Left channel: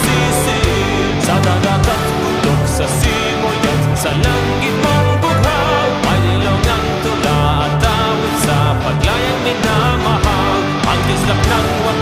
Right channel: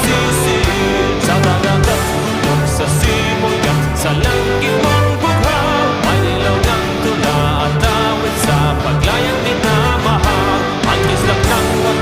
masisid. Sa dagat at bundok, sa simoy at sa langit mong bughaw, may nilongang tula at awit sa paglayang minamahal. Ang kislap ng wakas